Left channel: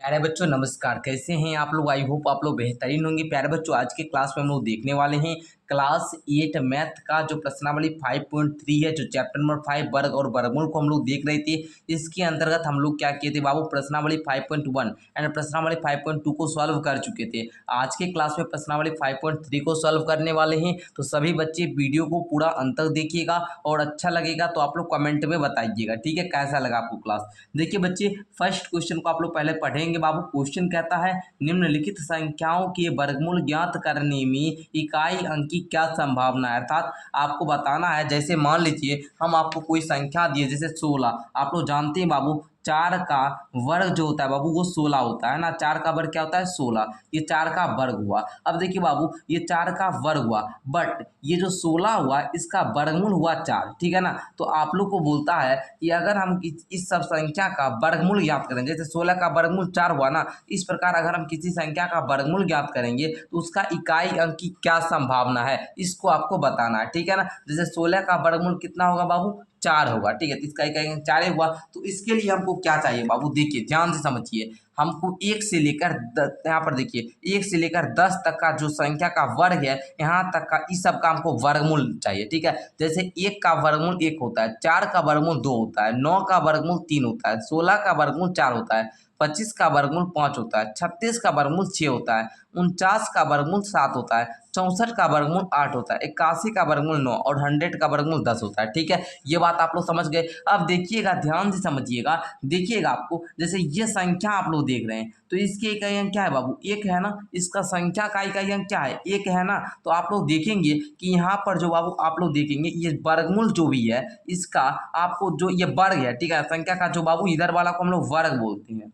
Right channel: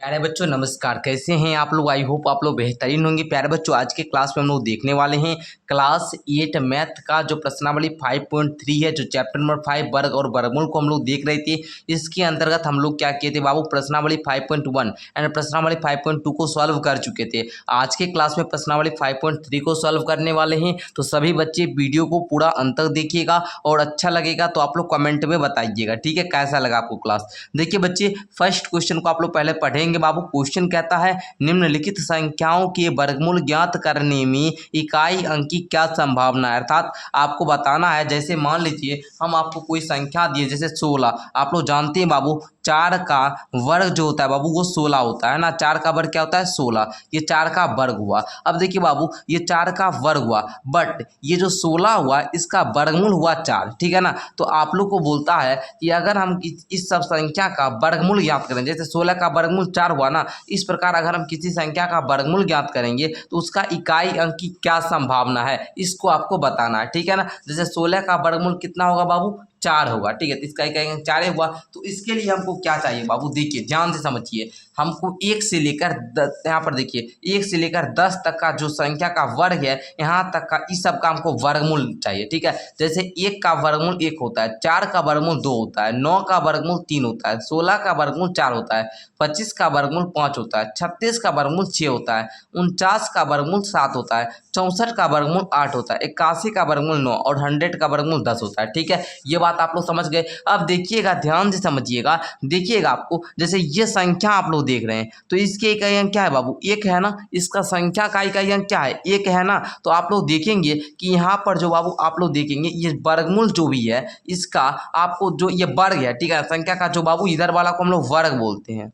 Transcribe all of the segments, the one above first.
प्यारे बच्चों नमस्कार। कैसे हैं आप लोग? आई होप आप लोग बेहतरीन होंगे। प्यारे बच्चों आज के क्लास में हम लोग देखने वाले हैं क्लास 8 मैथ का जो प्रश्नावली 5.3 है, जो चैप्टर नंबर 5 वर्ग और वर्गमूल को हम लोग देख रहे थे। इसके अंतर्गत हम लोग क्या किए थे बाबू, प्रश्नावली 5.1 एंड प्रश्नावली 5.2 को सॉल्व कर चुके थे। आज के क्लास में प्रश्नावली 5.3 को सॉल्व करने वाले हैं। तो सभी बच्चे वीडियो को पूरा अंत तक देखिएगा और अच्छा लगेगा तो आप लोग कमेंट में बताइएगा, ठीक है, कैसा लगा आपको क्लास। देखिए बच्चे, फर्स्ट क्वेश्चन को आप लोग पहले पढ़ेंगे बाबू। क्वेश्चन कहता है निम्नलिखित संख्याओं के वर्गमूल ज्ञात करने में इकाई अंक की क्या संभावना है। अर्थात आपको बताना है, जैसे मान लीजिए हम आपको कोई संख्या दिए जैसे 16। आप लोग जानते हैं बाबू 4 का वर्ग जो होता है बाबू वो 16 होता है ना। 4 का वर्ग क्या होता है? 16। ये 4 का वर्ग हुआ। अब देखिए बाबू, ये 4 का वर्ग हुआ, बट ये जो 16 हुआ इसका वर्गमूल हुआ 4, ठीक है ना। तो आप लोग को बोलता है कि अगर हम इस सब संख्या का वर्गमूल ज्ञात करें, जैसे 16 का वर्गमूल 4 हुआ ना, इस प्रकार अगर हम किसी संख्या का वर्गमूल ज्ञात करेंगे तो उसका इकाई अंक की क्या संभावना है, इसको आपको बताना है, ठीक है ना। जैसे 16 का वर्गमूल कितना होगा बाबू? 4 होगा, ठीक है। तो इसका इकाई अंक 4 हुआ। तो इसके लिए हमको क्या चाहिए बाबू, देखिए ध्यान से समझिए। हमको 1 से लेकर यहाँ पर देखिए 1 से लेकर 10 तक का जो संख्या का वर्ग है, यहाँ तक का इस सब का हमको वर्गमूल चाहिए, ठीक है। जैसे 1 का वर्गमूल 1 होता है, 4 का वर्गमूल 2 होता है, 9 का वर्गमूल 3 होता है, 16 का वर्गमूल 4 होता है, 25 का वर्गमूल 5 होता है, 36 का वर्गमूल 6 होता है, 49 का वर्गमूल 7 होता है, 64 का वर्गमूल 8 होता है, 81 का वर्गमूल 9 और 100 का वर्गमूल 10 होता है, ठीक है। ये बात आप लोग समझ गए। अब देखिएगा, ध्यान से समझिएगा, देखिएगा आपको जैसे ये संख्या आप लोग देख रहे हैं तो इसके इकाई अंक क्या है बाबू? 1 है ना। इसका संख्या का इकाई अंक क्या है? 1 है ना। तो आप लोग देखेंगे कि यहाँ पर जो बाबू आप लोग देखेंगे ये वर्गमूल जो भी है इसका आपको जो ये वर्ग है, ठीक है, संख्या का जो बाबू इधर वाला को हम लोग वर्ग बोलते हैं,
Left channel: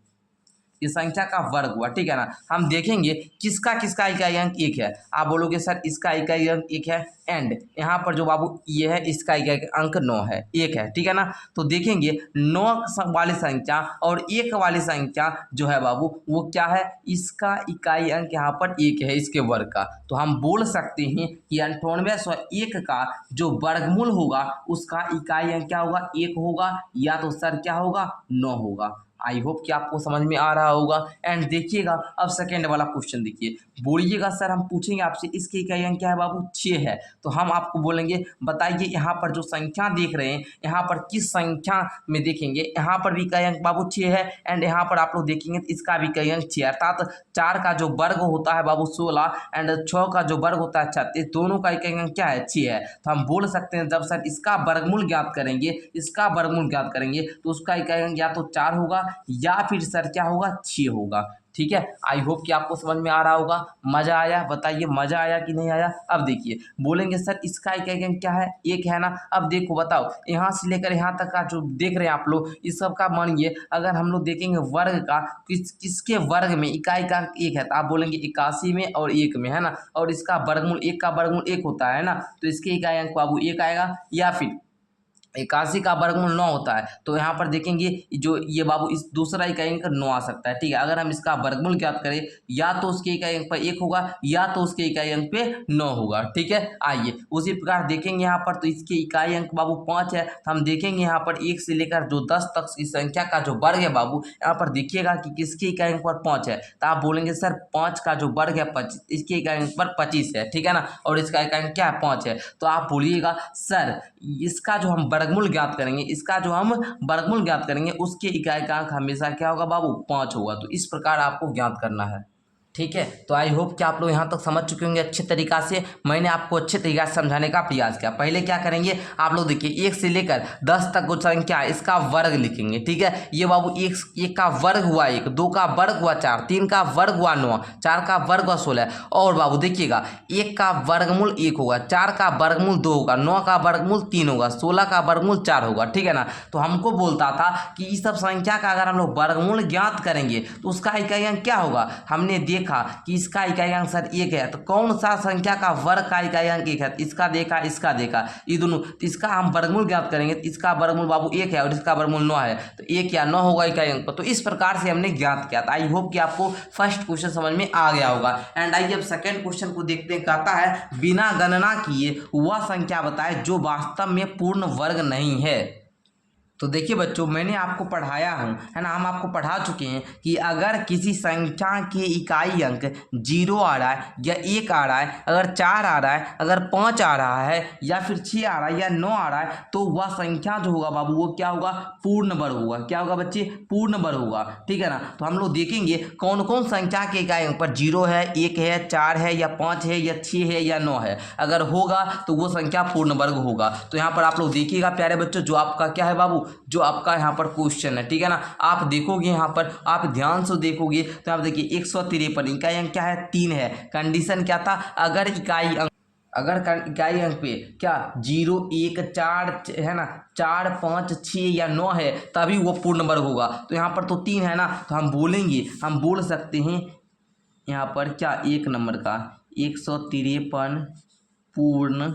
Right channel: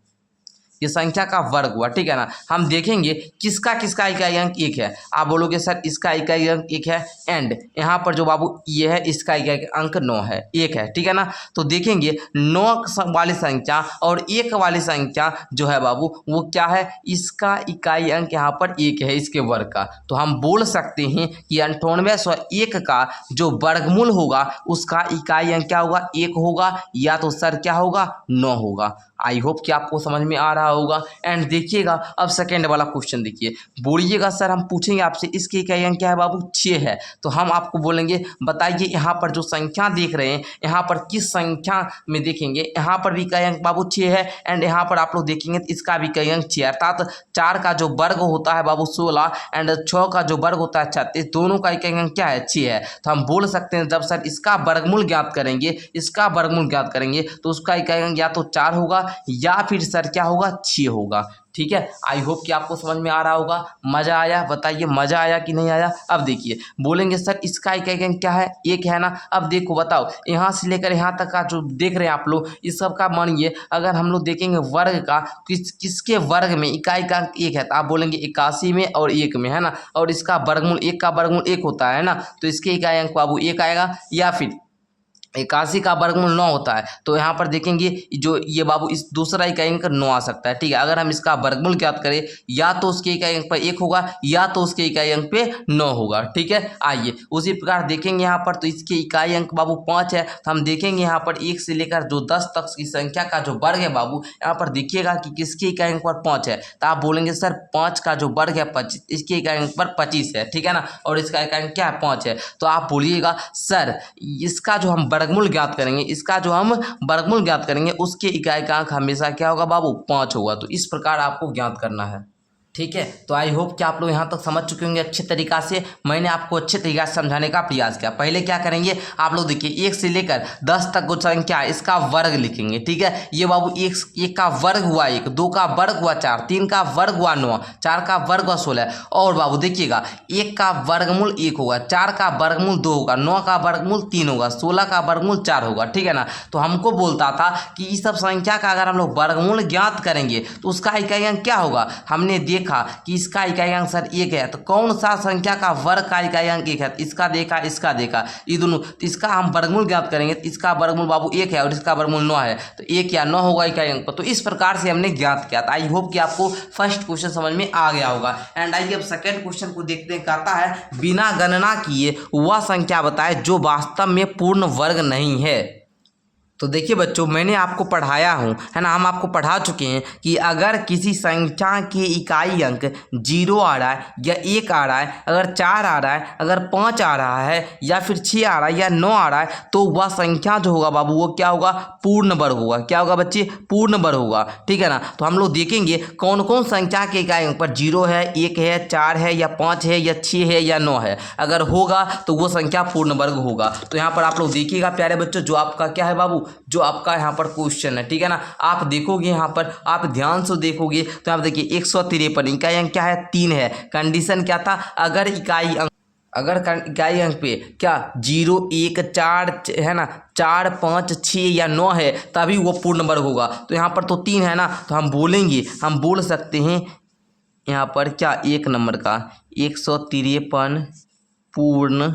ये संख्या का वर्ग हुआ, ठीक है ना। हम देखेंगे किसका किसका इकाई अंक 1 है। आप बोलोगे सर इसका इकाई अंक 1 है, एंड यहाँ पर जो बाबू ये है इसका इकाई अंक 9 है, 1 है, ठीक है ना। तो देखेंगे 9 वाली संख्या और 1 वाली संख्या जो है बाबू वो क्या है, इसका इकाई अंक यहाँ पर 1 है, इसके वर्ग का। तो हम बोल सकते हैं कि 9801 का जो वर्गमूल होगा उसका इकाई अंक क्या होगा? 1 होगा, या तो सर क्या होगा? 9 होगा। आई होप कि आपको समझ में आ रहा होगा। एंड देखिएगा अब सेकेंड वाला क्वेश्चन देखिए, बोलिएगा सर हम पूछेंगे आपसे इसके इकाई अंक क्या है बाबू? 6 है। तो हम आपको बोलेंगे बताइए यहाँ पर जो संख्या देख रहे हैं यहाँ पर किस संख्या में देखेंगे, यहाँ पर भी इकाई अंक बाबू 6 है, एंड यहाँ पर आप लोग देखेंगे तो इसका भी इकाई अंक 6 है। अर्थात 4 का जो वर्ग होता है बाबू 16 एंड 6 का जो वर्ग होता है 36, दोनों का इकाई अंक क्या है? 6 है। तो हम बोल सकते हैं जब सर इसका वर्गमूल ज्ञात करेंगे, इसका वर्गमूल ज्ञात करेंगे तो उसका इकाई अंक या तो 4 होगा या फिर सर क्या होगा? 6 होगा, ठीक है। आई होप कि आपको समझ में आ रहा होगा। मजा आया? बताइए मजा आया कि नहीं आया। अब देखिए बोलेंगे सर इसका इकाई अंक क्या है? 1 है ना। अब देखो बताओ, यहाँ से लेकर यहाँ तक का जो देख रहे हैं आप लोग इस सब का मानिए अगर हम लोग देखेंगे वर्ग का किसके वर्ग में इकाई का अंक 1 है, तो आप बोलेंगे 81 में और 1 में, है ना। और इसका वर्गमूल 1 का वर्गमूल 1 होता है ना, तो इसके इकाई अंक बाबू 1 आएगा। या फिर 81 का वर्गमूल 9 होता है, तो यहाँ पर देखेंगे जो ये बाबू इस दूसरा इकाई अंक 9 आ सकता है, ठीक है। अगर हम इसका वर्गमूल ज्ञात करें या तो उसके इकाई अंक पर 1 होगा या तो उसके इकाई अंक पे 9 होगा, ठीक है। आइए उसी प्रकार देखेंगे यहाँ पर, तो इसके इकाई अंक बाबू 5 है। तो हम देखेंगे यहाँ पर 1 से लेकर जो 10 तक की संख्या का जो वर्ग है बाबू, यहाँ पर देखिएगा कि किसके इकाई अंक पर 5 है। तो आप बोलेंगे सर 5 का जो वर्ग है 25, इसके इकाई अंक पर 25 है, ठीक है ना, और इसका इकाई अंक क्या है? 5 है। तो आप बोलिएगा सर इसका जो हम वर्गमूल ज्ञात करेंगे, इसका जो हम वर्गमूल ज्ञात करेंगे उसके इकाई का अंक हमेशा क्या होगा बाबू? 5 होगा। तो इस प्रकार आपको ज्ञात करना है, ठीक है। तो आई होप कि आप लोग यहाँ तक समझ चुके होंगे अच्छे तरीका से। मैंने आपको अच्छे तरीका से समझाने का प्रयास किया। पहले क्या करेंगे आप लोग देखिए 1 से लेकर 10 तक जो संख्या है इसका वर्ग लिखेंगे, ठीक है। ये बाबू 1 का वर्ग हुआ 1, 2 का वर्ग हुआ 4, 3 का वर्ग हुआ 9, 4 का वर्ग हुआ 16। और बाबू देखिएगा 1 का वर्गमूल 1 होगा, 4 का वर्गमूल 2 होगा, 9 का वर्गमूल 3 होगा, 16 का वर्गमूल 4 होगा, ठीक है ना। तो हमको बोलता था कि इस सब संख्या का अगर हम लोग वर्गमूल ज्ञात करेंगे तो उसका इकाई अंक क्या होगा। हमने देखा कि इसका इकाई अंक सर 1 है, तो कौन सा संख्या का वर्ग का इकाई अंक 1 है? इसका देखा इसका देखा, ये दोनों, तो इसका हम वर्गमूल ज्ञात करेंगे तो इसका वर्गमूल बाबू 1 है और इसका वर्गमूल 9 है, तो 1 या 9 होगा इकाई अंक पर। तो इस प्रकार से हमने ज्ञात किया था। आई होप कि आपको फर्स्ट क्वेश्चन समझ में आ गया होगा। एंड आइए अब सेकेंड क्वेश्चन को देखते हैं। कहता है बिना गणना किए वह संख्या बताए जो वास्तव में पूर्ण वर्ग नहीं है। तो देखिए बच्चों, मैंने आपको पढ़ाया हूँ, है ना, हम आपको पढ़ा चुके हैं कि अगर किसी संख्या के इकाई अंक 0 आ रहा है या 1 आ रहा है, अगर 4 आ रहा है, अगर 5 आ रहा है या फिर 6 आ रहा है या 9 आ रहा है, तो वह संख्या जो होगा बाबू वो क्या होगा, पूर्ण वर्ग होगा। क्या होगा बच्चे, पूर्ण वर्ग होगा। ठीक है ना। तो हम लोग देखेंगे कौन कौन संख्या के इकाई अंक पर 0 है, 1 है, 4 है या 5 है या 6 है या 9 है, अगर होगा तो वो संख्या पूर्ण वर्ग होगा। तो यहाँ पर आप लोग देखिएगा प्यारे बच्चों, जो आपका क्या है बाबू, जो आपका यहाँ पर क्वेश्चन है, ठीक है ना, आप देखोगे यहाँ पर, आप ध्यान से देखोगे तो आप देखिए 153 इकाई अंक क्या है, 3 है। कंडीशन क्या था, अगर इकाई अंक पे क्या 0 1 4 है ना, 4 5 6 या 9 है, तभी वो पूर्ण वर्ग होगा। तो यहाँ पर तो 3 है ना, तो हम बोलेंगे, हम बोल सकते हैं यहाँ पर क्या, 1 नंबर का 153 पूर्ण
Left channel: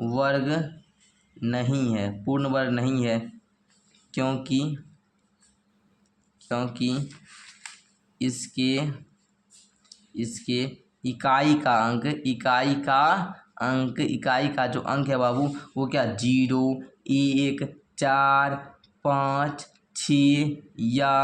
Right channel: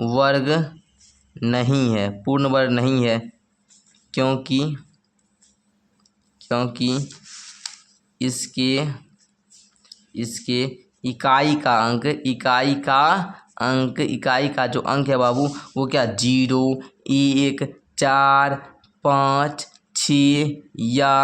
वर्ग नहीं है, पूर्ण वर्ग नहीं है, क्योंकि इसके इकाई का जो अंक है बाबू वो क्या 0 1 4 5 6 या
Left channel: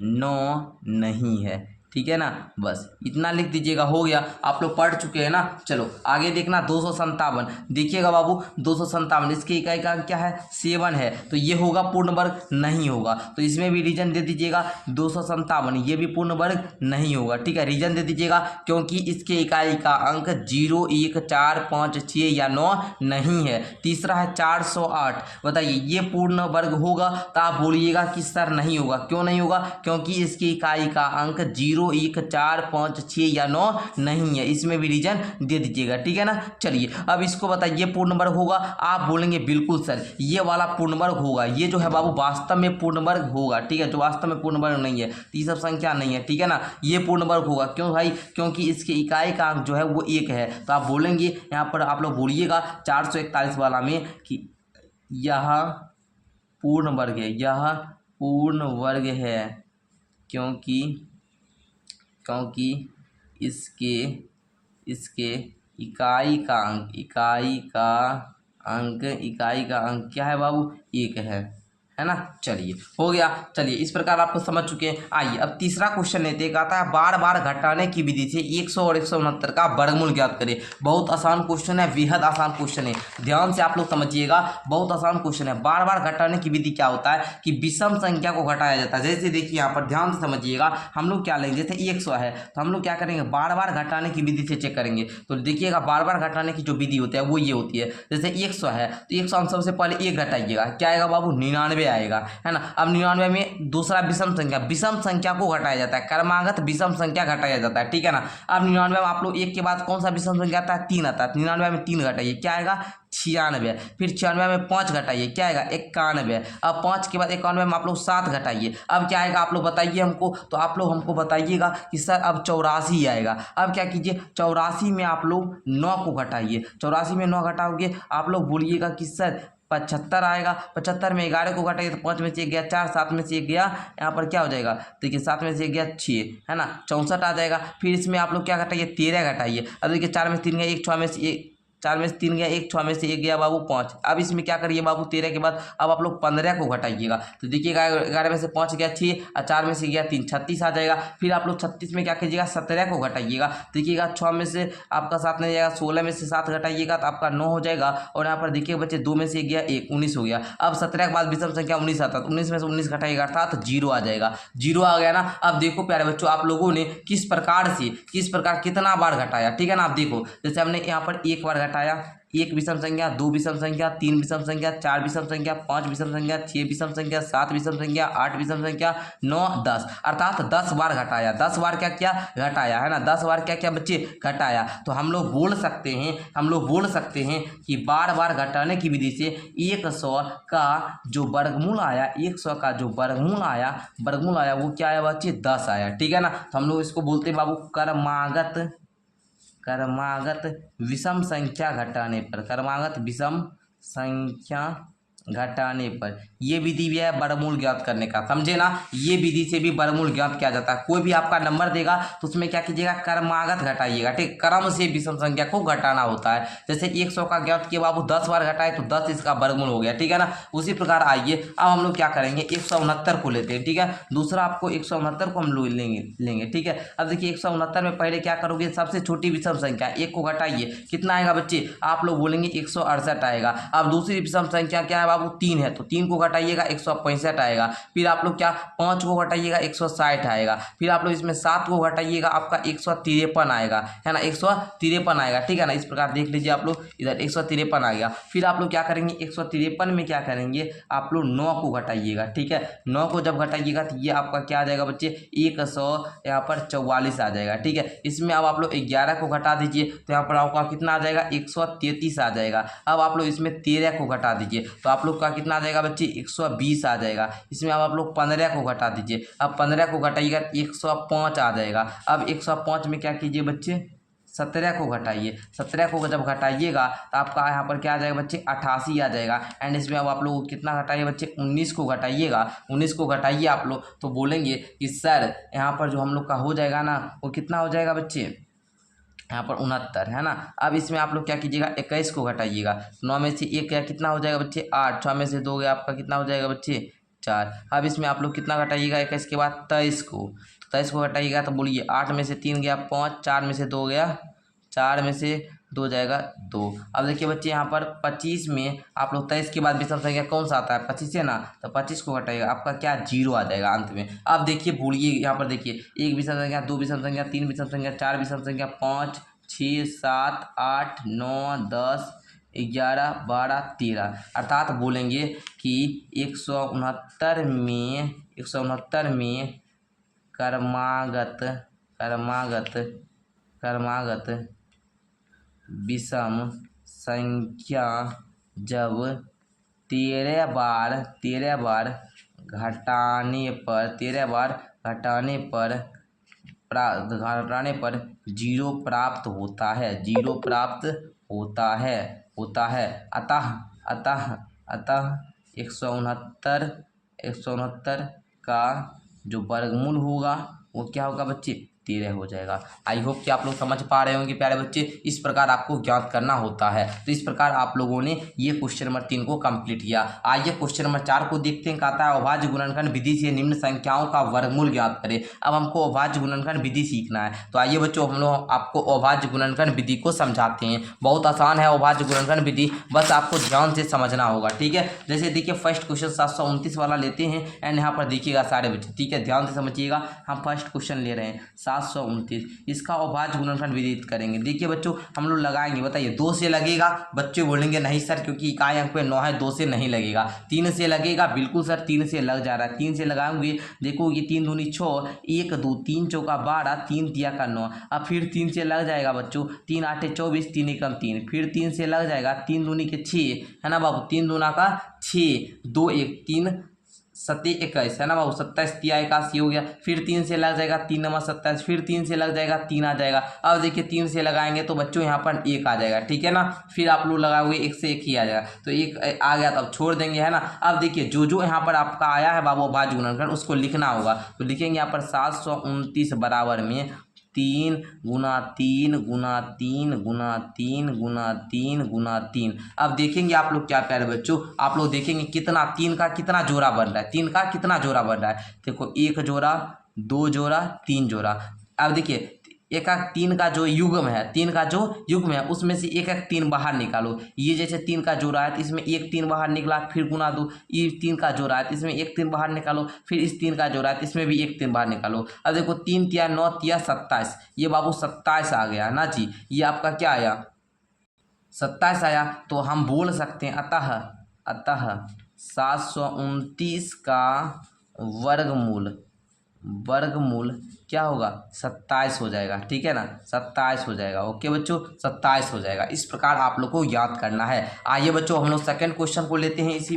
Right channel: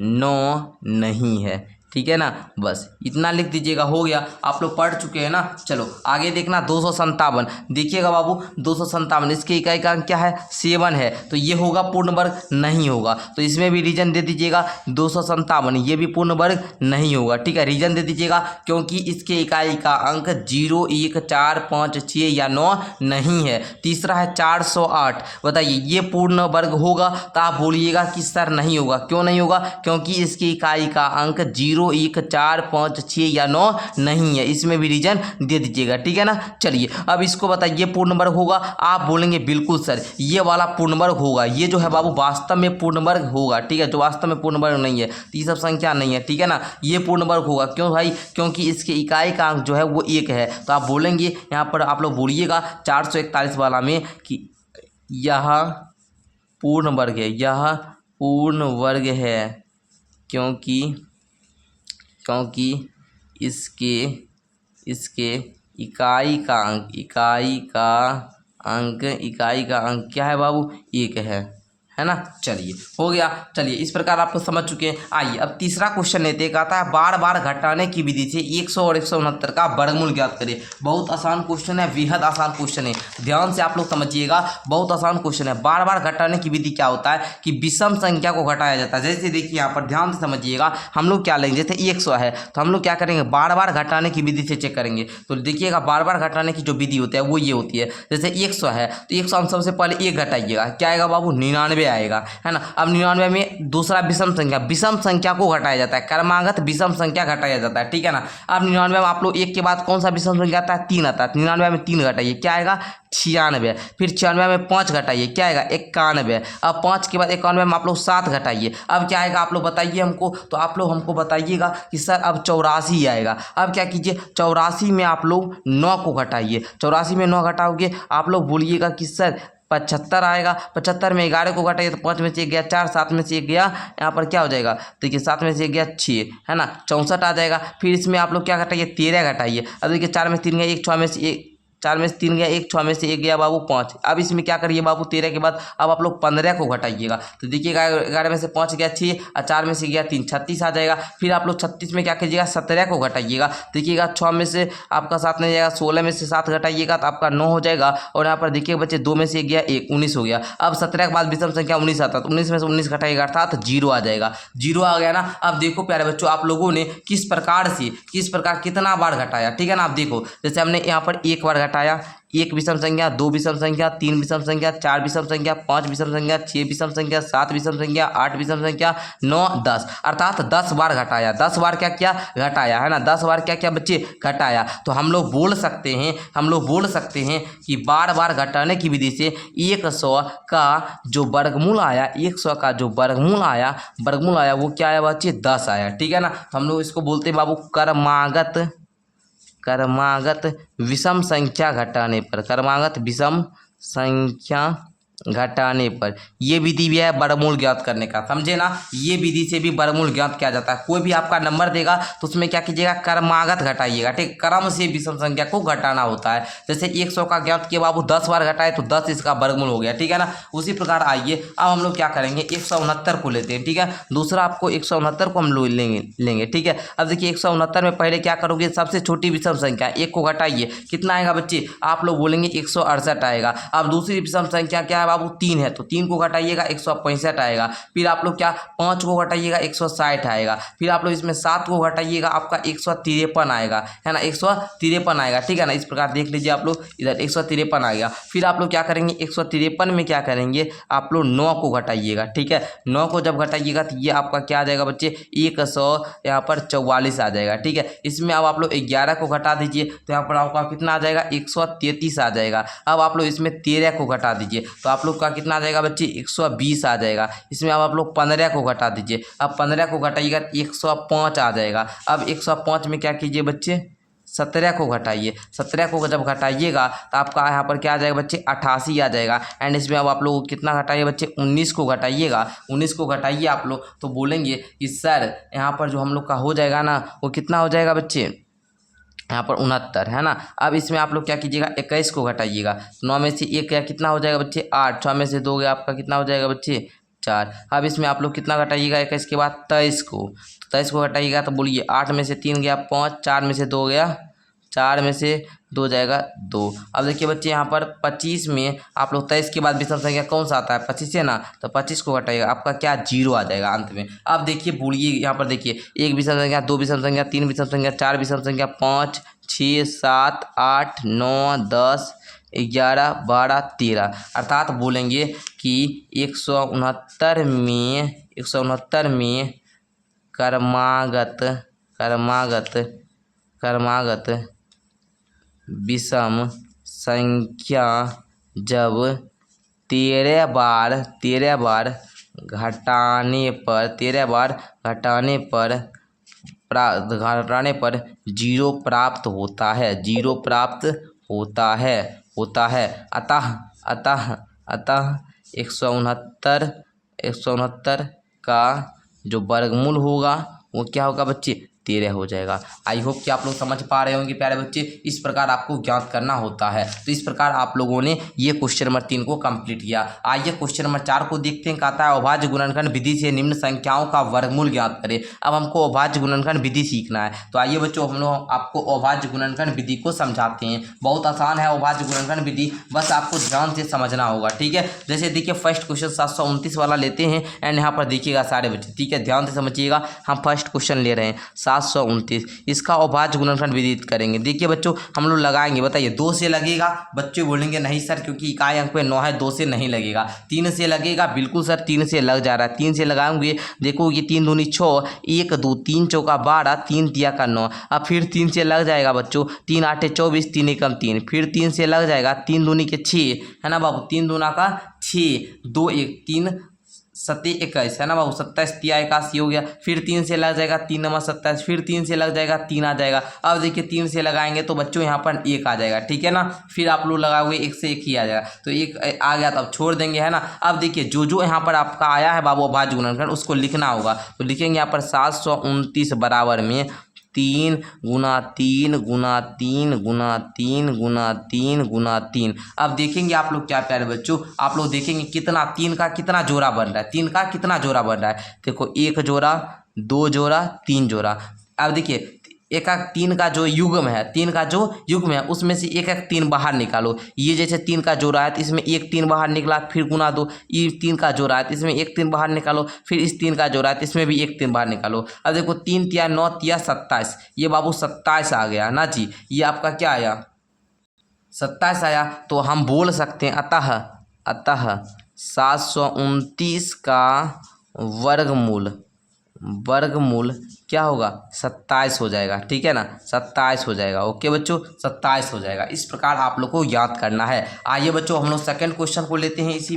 9 नहीं है। ठीक है ना, बस इतना लिख दीजिएगा, हो गया। आप लोग पढ़ चुके हैं ना। चलो आगे देखना 257। देखिएगा बाबू 257, इसके इकाई का अंक क्या है, 7 है, तो ये होगा पूर्ण वर्ग नहीं होगा। तो इसमें भी रीजन दे दीजिएगा 257, ये भी पूर्ण वर्ग नहीं होगा। ठीक है, रीजन दे दीजिएगा क्योंकि इसके इकाई का अंक 0 1 4 5 6 या 9 नहीं है। तीसरा है 408, बताइए ये पूर्ण वर्ग होगा? तो आप बोलिएगा कि सर नहीं होगा। क्यों नहीं होगा? क्योंकि इसकी इकाई का अंक 0 1 4 5 6 या 9 नहीं है। इसमें भी रीजन दे दीजिएगा। ठीक है ना। चलिए अब इसको बताइए पूर्ण वर्ग होगा? आप बोलेंगे बिल्कुल सर ये वाला पूर्ण वर्ग होगा। ये जो है बाबू वास्तव में पूर्ण वर्ग होगा। ठीक है, जो वास्तव में पूर्ण वर्ग नहीं है, तो ये सब संख्या नहीं है। ठीक है ना, ये पूर्ण वर्ग होगा। क्यों भाई? क्योंकि इसके इकाई का अंक जो है वो 1 है। तो आप बोलेंगे यहाँ पर, आप लोग बोलिएगा 441 वाला में कि यह पूर्ण वर्ग है, यह पूर्ण वर्ग है, क्योंकि इसके इकाई का अंक क्या है बाबू? 1 है ना। चलिए हो गया। चलिए इस प्रकार आपको समझ चुके हैं। आइए अब तीसरा क्वेश्चन लेते हैं। कहता है बार बार घटाने की विधि से 100 और 169 का वर्गमूल ज्ञात करें। बहुत आसान क्वेश्चन है, बेहद आसान क्वेश्चन है, ध्यान से आप लोग समझिएगा। बहुत आसान क्वेश्चन है। बार बार घटाने की विधि क्या होता है कि विषम संख्या को घटाया जाता है। जैसे देखिए यहाँ पर ध्यान से समझिएगा, हम लोग क्या लेंगे, जैसे 100 है तो हम लोग क्या करेंगे, बार बार घटाने की विधि से चेक करेंगे। तो देखिएगा बार बार घटाने की जो विधि होती है वो ये होती है। जैसे 100 है तो 100 हम सबसे पहले 1 घटाइएगा, क्या आएगा बाबू? 99 आएगा, है ना। अब 99 में दूसरा विषम संख्या को घटाया जाता है, क्रमागत विषम संख्या घटाया जाता है। ठीक है ना। अब 99 में आप लोग 1 के बाद कौन सा विषम संख्या आता है? 3 आता है। 99 में 3 घटाइए, क्या आएगा? 96। फिर 96 में 5 घटाइए, क्या आएगा? 91। अब 5 के बाद 91 में आप लोग 7 घटाइए, अब क्या आएगा? आप लोग बताइए हमको। तो आप लोग हमको बताइएगा कि सर अब 84 आएगा। अब क्या कीजिए, 84 में आप लोग 9 को घटाइए। 84 में 9 घटाओगे, आप लोग बोलिएगा कि सर 75 आएगा। 75 में 11 को घटाइए तो 5 में से 1 गया 4, 7 में से 1 गया, यहाँ पर क्या हो जाएगा? देखिए 7 में से 1 गया 6, है ना, 64 आ जाएगा। फिर इसमें आप लोग क्या घटाइए? 13 घटाइए। अब देखिए 4 में से 3 गया 1, 6 में से 1, 4 में से 3 गया 1, 6 में से 1 गया बाबू 5। अब इसमें क्या करिए बाबू? 13 के बाद अब आप लोग 15 को घटाइएगा। तो देखिएगा 11 में से 5 गया 6 और 4 में से गया 3, 36 आ जाएगा। फिर आप लोग 36 में क्या कीजिएगा? 17 को घटाइएगा। देखिएगा 6 में से आपका 7 नहीं जाएगा, 16 में से 7 घटाइएगा तो आपका 9 हो जाएगा। और यहाँ पर देखिए बच्चे 2 में से 1 गया 1, 19 हो गया। अब 17 के बाद विषम संख्या 19 आता है, तो 19 में से 19 घटाइएगा अर्थात 0 आ जाएगा। 0 आ गया ना। अब देखो प्यारे बच्चों, आप लोगों ने किस प्रकार कितना बार घटाया। ठीक है ना। आप देखो जैसे हमने यहाँ पर 1 बार घटाया, 1 विषम संख्या, 2 विषम संख्या, 3 विषम संख्या, 4 विषम संख्या, 5 विषम संख्या, 6 विषम संख्या, 7 विषम संख्या, 8 विषम संख्या, 9 10, अर्थात 10 बार घटाया। 10 बार क्या किया? घटाया, है ना। 10 बार क्या किया बच्चे? घटाया। तो हम लोग बोल सकते हैं कि बार बार घटाने की विधि से 100 का जो वर्गमूल आया, 100 का जो वर्गमूल आया वो क्या आया बच्चे? 10 आया। ठीक है ना। तो हम लोग इसको बोलते हैं बाबू क्रमागत विषम संख्या घटाने पर, क्रमागत विषम संख्या घटाने पर। ये विधि भी है वर्गमूल ज्ञात करने का, समझे ना। ये विधि से भी वर्गमूल ज्ञात किया जाता है। कोई भी आपका नंबर देगा तो उसमें क्या कीजिएगा, क्रमागत घटाइएगा, ठीक। क्रम से विषम संख्या को घटाना होता है। जैसे 100 का ज्ञात किया बाबू 10 बार घटाए तो 10 इसका वर्गमूल हो गया, ठीक है ना। उसी प्रकार आइए अब हम लोग क्या करेंगे, 169 को लेते हैं, ठीक है। दूसरा आपको 169 को हम लोग लेंगे, ठीक है। अब देखिए 169 में पहले क्या करोगे, सबसे छोटी विषम संख्या 1 को घटाइए, कितना आएगा बच्चे, आप लोग बोलेंगे 168 आएगा। अब दूसरी विषम संख्या क्या है बाबू, 3 है, तो 3 को घटाइएगा 165 आएगा। फिर आप लोग क्या 5 को घटाइएगा 160 आएगा। फिर आप लोग इसमें 7 को घटाइएगा आपका 153 आएगा, है ना, 153 आएगा, ठीक है ना। इस प्रकार देख लीजिए आप लोग, इधर 153 आ गया। फिर आप लोग क्या करेंगे, 153 में क्या करेंगे, आप लोग 9 को घटाइएगा, ठीक है। 9 को जब घटाइएगा तो ये आपका क्या आ जाएगा बच्चे, 100 यहाँ पर 44 आ जाएगा, ठीक है। इसमें अब आप लोग 11 को घटा दीजिए तो यहाँ पर आपका कितना आ जाएगा, 133 आ जाएगा। अब आप लोग इसमें 13 को घटा दीजिए तो आप लोग का कितना आ जाएगा बच्चे, 120 आ जाएगा। इसमें अब आप लोग 15 को घटा दीजिए, अब 15 को घटाइएगा 105 आ जाएगा। अब 105 में क्या कीजिए बच्चे, 17 को घटाइए। 17 को जब घटाइएगा तो आपका यहाँ पर क्या आ जाएगा बच्चे, 88 आ जाएगा। एंड इसमें अब आप लोग कितना घटाइए बच्चे, 19 को घटाइएगा। 19 को घटाइए आप लोग तो बोलेंगे कि सर यहाँ पर जो हम लोग का हो जाएगा ना, वो कितना हो जाएगा बच्चे, यहाँ पर 69, है ना। अब इसमें आप लोग क्या कीजिएगा, 21 को घटाइएगा। 9 में से 1 गया, कितना हो जाएगा बच्चे, 8। 6 में से 2 गया, आपका कितना हो जाएगा बच्चे, 4। अब इसमें आप लोग कितना घटाइएगा, 21 के बाद 23 को, 23 को घटाइएगा तो बोलिए 8 में से 3 गया 5, 4 में से 2 गया, 4 में से 2 जाएगा 2। अब देखिए बच्चे यहाँ पर 25 में आप लोग 23 के बाद विषम संख्या कौन सा आता है, 25 है ना, तो 25 को घटाइएगा, आपका क्या 0 आ जाएगा अंत में। अब देखिए बोलिए यहाँ पर देखिए, 1 विषम संख्या, 2 विषम संख्या, 3 विषम संख्या, 4 विषम संख्या, 5, 6, 7, 8, 9, 10, 11, 12, 13, अर्थात बोलेंगे कि 169 में क्रमागत विषम संख्या जब 13 बार घटाने पर 0 प्राप्त होता है। अतः 169 का जो वर्गमूल होगा वो क्या होगा बच्चे, 13 हो जाएगा। आई होप कि आप लोग समझ पा रहे होंगे प्यारे बच्चे। इस प्रकार आपको ज्ञात करना होता है। तो इस प्रकार आप लोगों ने ये क्वेश्चन नंबर 3 को कंप्लीट किया। आइए क्वेश्चन नंबर 4 को देखते हैं। कहता है अभाज्य गुणनखंड विधि से निम्न संख्याओं का वर्गमूल ज्ञात करें। अब हमको अभाज्य गुणनखंड विधि सीखना है। तो आइए बच्चों हम लोग आपको अभाज्य गुणनखंड विधि को समझाते हैं। बहुत आसान है अभाज्य गुणनखंड विधि, बस आपको ध्यान से समझना होगा, ठीक है। जैसे देखिए फर्स्ट क्वेश्चन 729 वाला लेते हैं एंड यहाँ पर देखिएगा सारे बच्चे, ठीक है, ध्यान से समझिएगा। हम फर्स्ट क्वेश्चन ले रहे हैं 729, इसका अभाज्य गुणनखंड विदित करेंगे। देखिए बच्चों हम लोग लगाएंगे, बताइए 2 से लगेगा, बच्चे बोलेंगे नहीं सर क्योंकि इकाई अंक पे 9 है, 2 से नहीं लगेगा। 3 से लगेगा, बिल्कुल सर 3 से लग जा रहा है। 3 से लगाएंगे, देखो ये 3 दूनी 6, 1 2 3 चौका 12, 3 तिया का 9। अब फिर 3 से लग जाएगा बच्चों, 3 8 24, 3 एकम 3, फिर 3 से लग जाएगा, 3 दूनी के 6, है ना बाबू, 3 दूना का 6, 2 1 3 7 21, है ना बाबू, 27 तिया 81 हो गया। फिर 3 से लग जाएगा, 3 नंबर 27, फिर 3 से लग जाएगा, 3 आ जाएगा। अब देखिए 3 से लगाएंगे तो बच्चों यहाँ पर 1 आ जाएगा, ठीक है ना। फिर आप लोग लगाओगे 1 से 1 ही आ जाएगा, तो 1 आ गया तो अब छोड़ देंगे, है ना। अब देखिए जो यहाँ पर आपका आया है बाबू अभाज्य गुणनखंड, उसको लिखना होगा। तो लिखेंगे यहाँ पर 729 बराबर में 3 गुना 3 गुना 3 गुना 3 गुना 3 गुना 3। अब देखेंगे आप लोग क्या प्यारे बच्चों, आप लोग देखेंगे कितना 3 का कितना जोड़ा बन रहा है, 3 का कितना जोड़ा बन रहा है। देखो 1 जोड़ा, 2 जोड़ा, 3 जोड़ा। अब देखिए 1 3 का जो युग्म है, 3 का जो युग्म है उसमें से 1 3 बाहर निकालो। ये जैसे 3 का जोड़ा है तो इसमें 1 3 बाहर निकला, फिर गुना 2। ये 3 का जोड़ा है तो इसमें 1 3 बाहर निकालो, फिर इस 3 का जोड़ा है तो इसमें भी 1 3 बाहर निकालो। अब देखो 3 तिया 9 तिया 27, ये बाबू 27 आ गया ना जी। ये आपका क्या आया, 27 आया। तो हम बोल सकते हैं अतः 729 का वर्गमूल क्या होगा, 27 हो जाएगा, ठीक है ना, 27 हो जाएगा। ओके बच्चों, 27 हो जाएगा। इस प्रकार आप लोग को याद करना है। आइए बच्चों हम लोग सेकंड क्वेश्चन को लेते हैं। इसी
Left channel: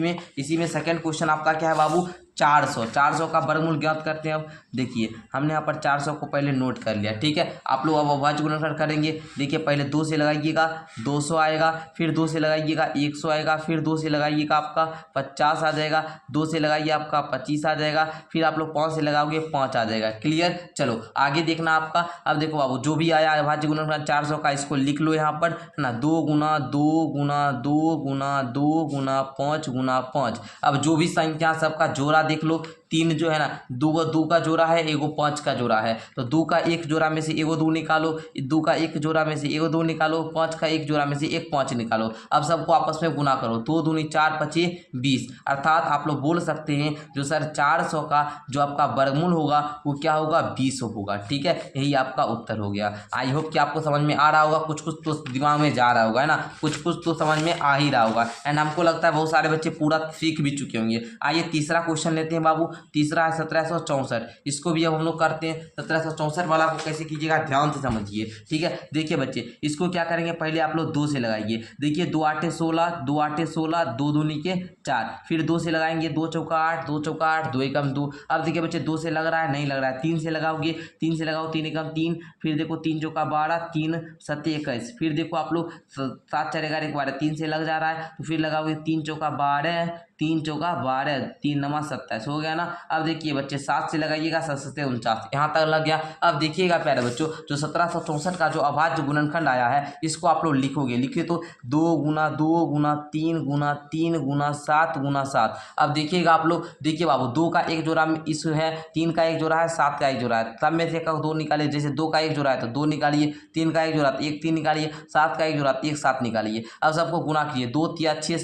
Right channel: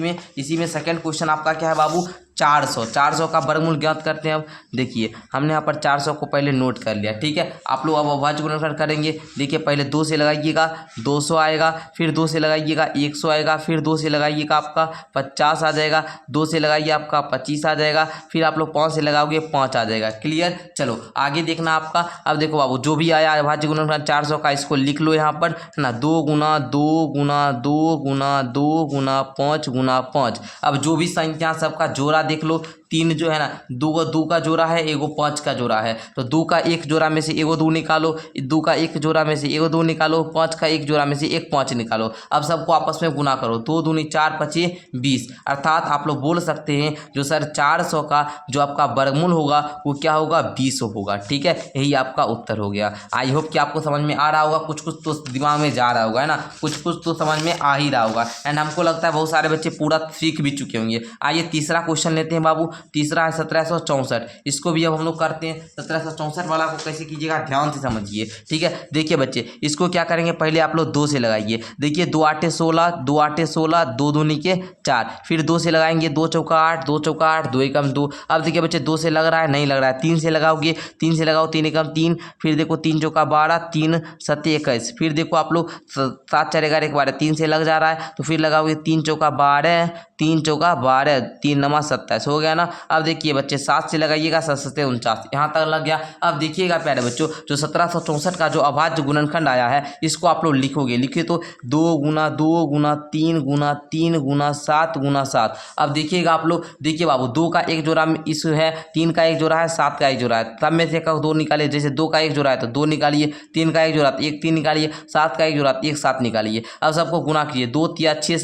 में सेकंड क्वेश्चन आपका क्या है बाबू, 400 का वर्गमूल ज्ञात करते हैं। अब देखिए हमने यहाँ पर 400 को पहले नोट कर लिया, ठीक है। आप लोग अब अभाज्य गुणनखंड करेंगे। देखिए पहले 2 से लगाइएगा 200 आएगा, फिर 2 से लगाइएगा 100 आएगा, फिर 2 से लगाइएगा आपका 50 आ जाएगा, 2 से लगाइए आपका 25 आ जाएगा, फिर आप लोग 5 से लगाओगे 5 आ जाएगा। क्लियर। चलो आगे देखना आपका। अब देखो बाबू जो भी आया अभाज्य गुणनखंड 400 का, इसको लिख लो यहाँ पर, है ना। 2 गुना 2 गुना 2 गुना 2 गुना 5 गुना 5। अब जो भी संख्या सबका जोड़ा देख लो, 3 जो है ना, 2 का जोड़ा है, एगो 5 का जोड़ा है, तो 2 का एक जोड़ा में से एगो 2 निकालो, 2 का एक जोड़ा में से एगो 2 निकालो, 5 का एक जोड़ा में से एक 5 निकालो। अब सबको आपस में गुना करो, 2 दूनी 4 पचे 20। अर्थात आप लोग बोल सकते हैं जो सर 400 का जो आपका वर्गमूल होगा वो क्या होगा, 20 होगा, ठीक है। यही आपका उत्तर हो गया। आई होप कि आपको समझ में आ रहा होगा, कुछ कुछ तो दिमाग में जा रहा होगा, है ना, कुछ कुछ तो समझ में आ ही रहा होगा। एंड हमको लगता है बहुत सारे बच्चे पूरा सीख भी चुके होंगे। आइए तीसरा क्वेश्चन लेते हैं बाबू। तीसरा है 1764। इसको भी अब हम लोग करते हैं। 1764 वाला को कैसे कीजिएगा, ध्यान से समझिए, ठीक है। देखिए बच्चे इसको क्या करेंगे, पहले आप लोग 2 से लगाइए। देखिए 2 आठे 16, 2 आठे 16, 2 दूनी के 4, फिर 2 से लगाएंगे, 2 चौका 8, 2 चौका 8, 2 एकम 2। अब देखिए बच्चे 2 से लग रहा है, नहीं लग रहा है, 3 से लगाओगे, 3 से लगाओ, 3 एकम 3, फिर देखो 3 चौका 12, 3 सत्ते 21, फिर देखो आप लोग 7 4 11 12, 3 से लग जा रहा है, तो फिर लगाओगे 3 चौका 12, 3 चौका 12, 3 नमा 27, हो गया ना। अब देखिए बच्चे 7 से लगाइएगा, 7 7 49, यहाँ तक लग गया। अब देखिएगा प्यारे बच्चों, जो 1764 का जो अभाज्य गुणनखंड आया है, इसको आप लोग लिखोगे। लिखिए तो 2 गुना 2 गुना 3 गुना 3 गुना 7 गुना 7। अब देखिएगा आप लोग, देखिए बाबू 2 का एक जोड़ा में इस है, 3 का एक जोड़ा है, 7 का एक जोड़ा है, तब में से 2 निकालिए। जैसे 2 का एक जोड़ा है तो 2 निकालिए, 3 का एक जोड़ा तो 1 3 निकालिए, 7 का एक जोड़ा तो 1 7 निकालिए। अब सबको गुना कीजिए, 2 तिया 6